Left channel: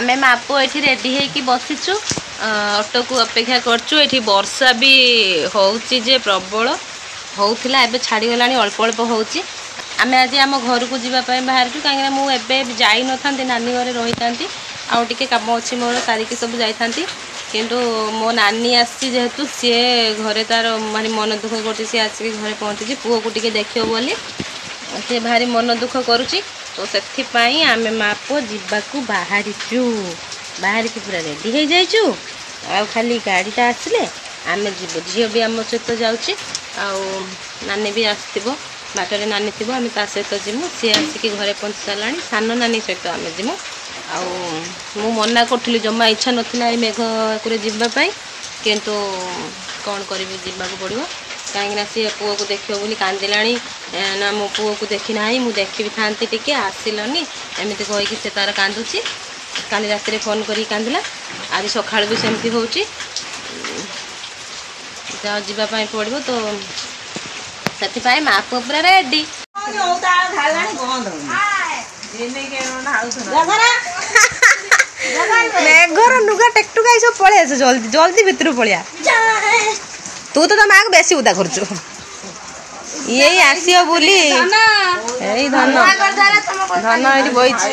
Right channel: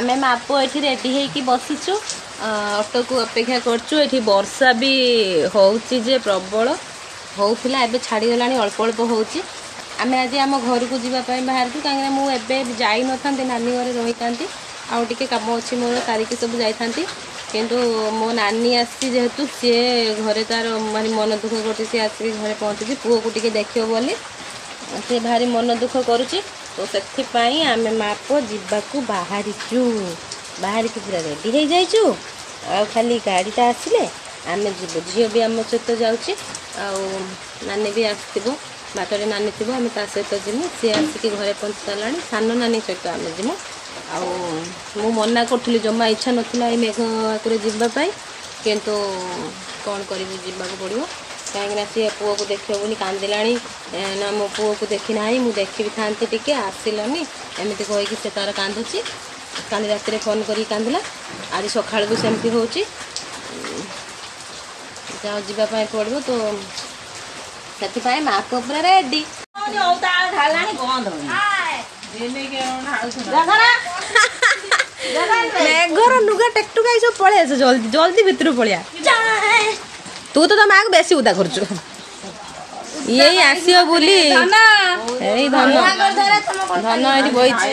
आमे मापो एठी ready हेकी बसिचु auto को अपेक्षा करचु। एठी वर्षा भी होउची जे प्रबल होउथिला एबे छाड़ी गलानी अल्प अल्प होउची। आमे आज आम घर को जीवा पय बाहरचु काहे ना मु एबे जाई न थांती नानी घरे रही थांती आ टिके काम अछि मोर सारिके सब जाई थांती किंतु मो नानी आसी जेहेतु सी घरे तार भारी मन दुख करती सी आसिक घरे पहुँची पुओ को टिके देखियो बोली सी भारी मन दुख करुची। तो से आम माँ पु जावाक बाहरीचु बाहरिकी पूरा रेडी हो जाइचु आ खाली गाड़ीटा आसिले आम जीव झील भी आम सहित जाऊँगी नानी भी आसो बाटर नानी थी आम ता सहित जीमु सी आसिक घरे पहुँची सारा सान नानी सहित आम जीमु मु मना करी जमा इच्छा नाला मेघ को जावाई किंतु कौन कर जावाक पड़ो कहीं सी पुओ को देख बोली कांदिला ना मो पुओ को देखी ना मुझे देखी भी था टे आसिलनी एमती कहीकि से तार कांदुची काली रात फोन कर कांदिला आज सकाल भी सेमती हो जावाई पड़ो तो से माँ को पूरा रेडी मेघर नुगा टेकटुका सब पलि आस जल्दी जल्दी भितर पलिया तू तो माँ को बेसी उदा करचु यही आसियो बोली एई धन धन एठी बइछि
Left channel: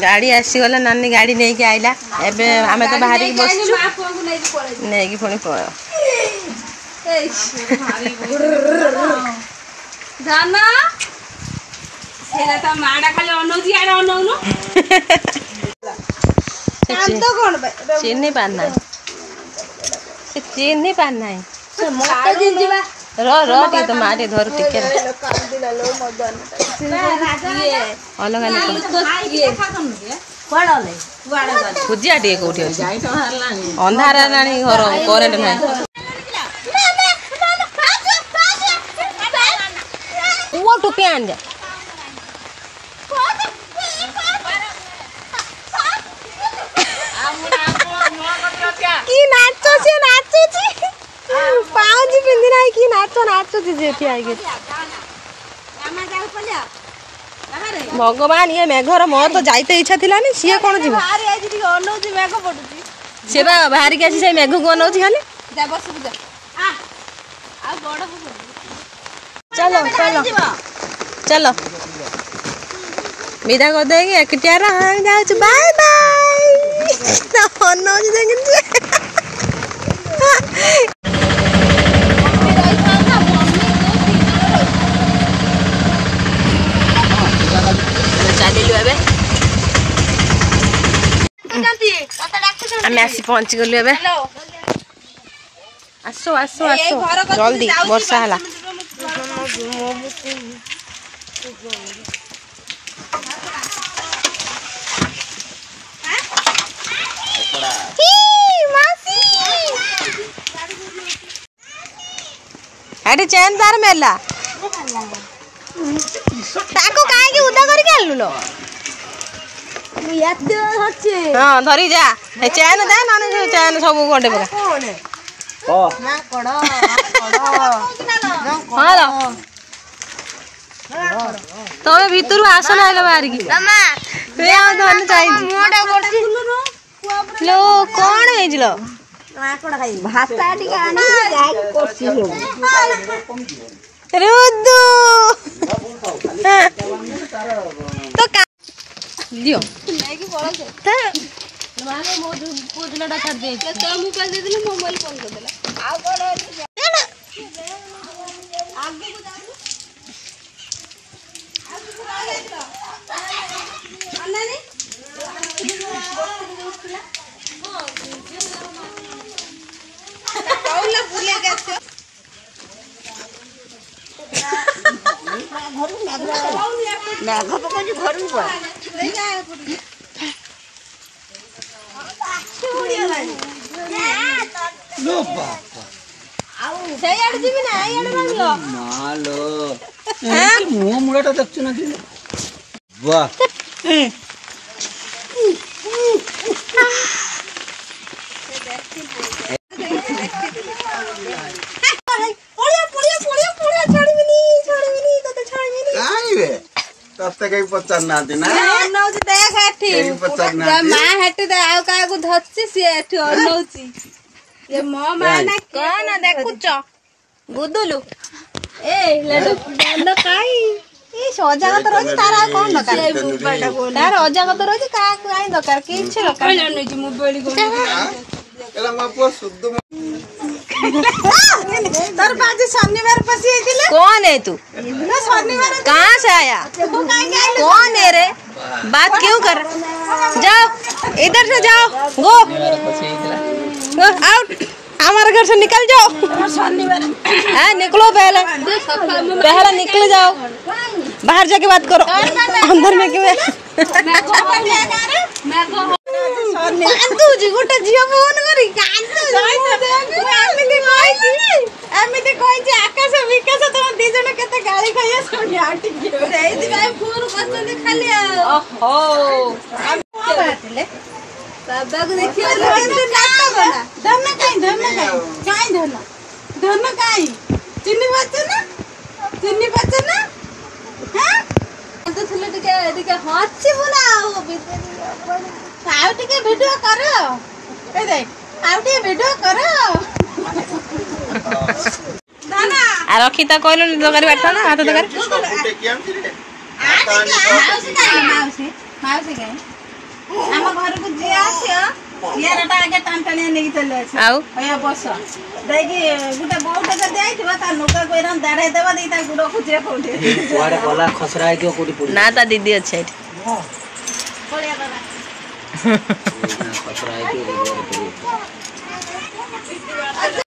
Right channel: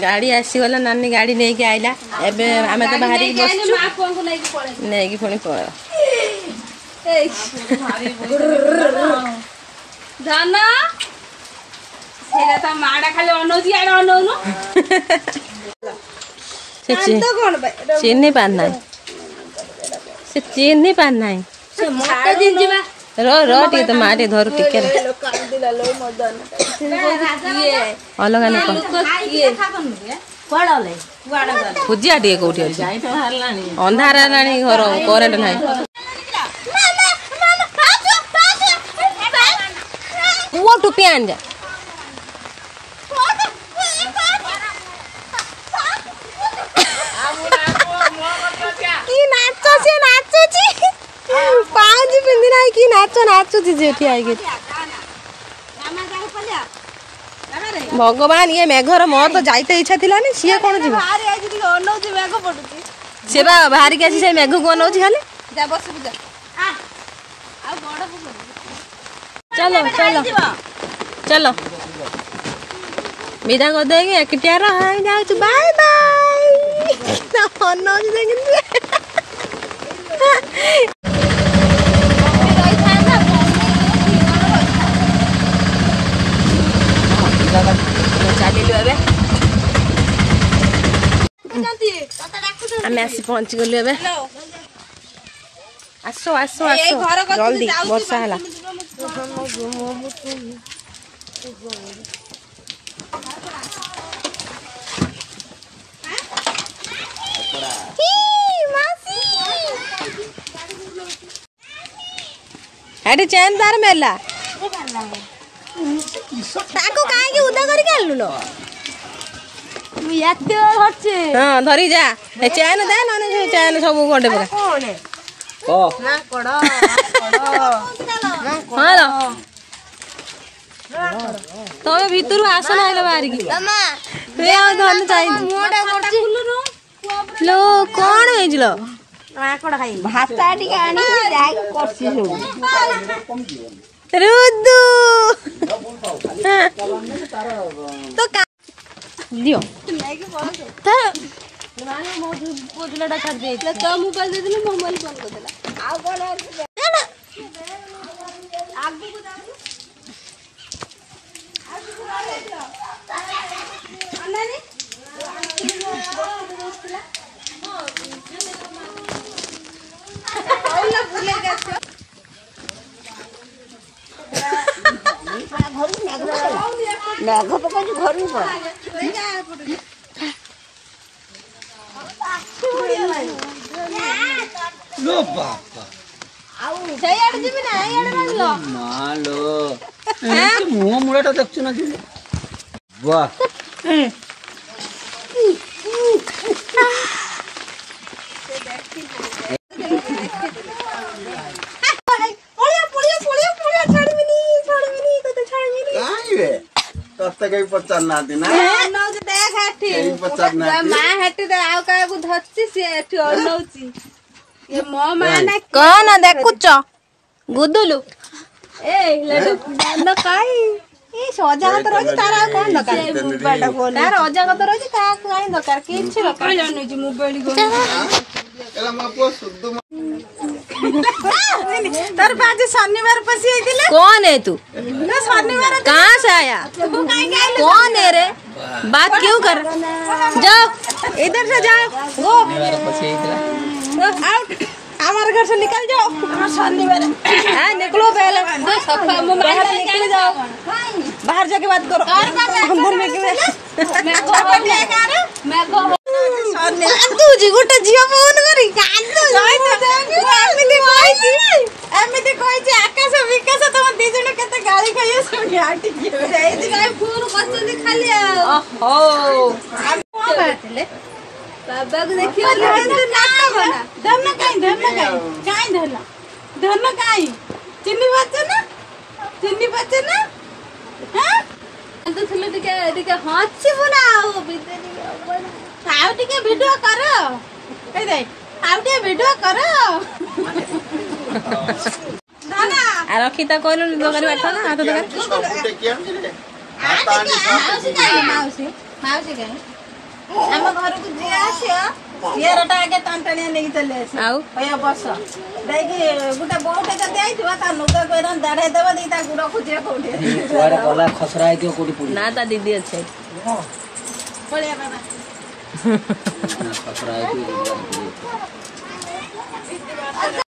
गाड़ी आसीगला नानी गाड़ी नहीं के आइला एबे आमे तो बाहर की बसचु नहीं की पुणी पळ धन सेना ता माडा खाली अनोजी आडा अनौनो चीनी पाना से चीनी पाना से मत दिन जीवा रो टी तो मारे धर टिके कांदिला लो मदन ये अलग अलग ये कोडले वाडा भुजिया टी कोठी अछि जाई तो हारलानी अंधार रानी घर करेंट नाही वो टुपी आन जा की नाचो छे पाँच पिंदी ना की नाचो नाचो जी उठी आई भगवान ये मेघर मोर तो जाइते इच्छा थिला नि सी कोन जीव से बा बाहर के आसी से मेघ को नौची खाली जा बस जा आ बड़ चलो चलो चलो विदा कर देगी एकटिया जाऊँ बाय बाय नौची देख चलिलु एबे आम आसी पहुँची गलु एबे आसो आसो आसो जल्दी वर्षा हला अरे चैन तार मेला ताको काहे की उदा करी आलु लो याते हচ্ছে हां धरी जा ए चैन दे नाने चैन सब गोटे पूरा कोन ओ ना कोडो हां तमे भीतर आस ना आइला बाहर की तमा तू आ धन चाहि मोडा कोडा लो कोन हेजलो ना कोडा खाई भाता टिके आनी जाई कोसी लो रुदू तो का दियो लेके पड़ो त मानो मो पोजलाटा कर दे तो मोबाइल दे दिले मोबाइल कर दे दिला आ कोन आगु को जाऊ अन्नानी कौला बुले गछ मेघ पका घर ले जा लो बापा आउ से याड जीवी ना याड रंगलो मालो ए मुंह मुड़ाटा देखछु ना जी वाह रास्ता कहीं पचार ना ना नौची देख एठी कहीं पचार ना मां हेटी दे आउ का को धरची से एठी नौची ये मो मां ना कौन देखुच गुदुलु ए लडू न काई ए सजागत रही तार कौन दरकार तार अजागत रही का काई दरकार किछि दरकार जानो जी मोबाइल को कला मापो शुद्ध तार बाजी शनिवार पसी आइतिले कौन है तू ना शनिवार कहां से आया कौन है रे बात क्यों कर जाओ इधर से जाओ गो आउट हमारे घर से निकल जाओ शनिवार हाँ निकलो पहले निकल जाओ बाहर जाके बात करो अंदर में क्यों कांदुजी गोटे झियो फोन करी एमिति कहछि आकाश विकास तुम दी जण केते गाली खाइए सुनी आटी के एति भाई फोन करछनी खाली ओहो बाबा को देखियो नाटक ना धन काई धन काई चिन्नी बच्चे ना हां तो थले टिके हाथी बनाओ बितरी आउ टिके वीडियो करो कह दे आउ टिके वीडियो करो दाना आ रखी ता कहलो दरकारी बाटा ना हाथ दरकारी माउसी गए हम घर को जे आसियो येरटा आगे टांटानिया नेकी चले आसी आउ भैया बस देखि गुटा बहुत जदी आइथिबा ता नुका कोइरा दाढ़े देबा दे ता गुडो खुजिया कोठी कोरे गला खसरा आइतियो कोडी पुरी ना ता दीदी अछि बोलिया बाबा खसरा आइतियो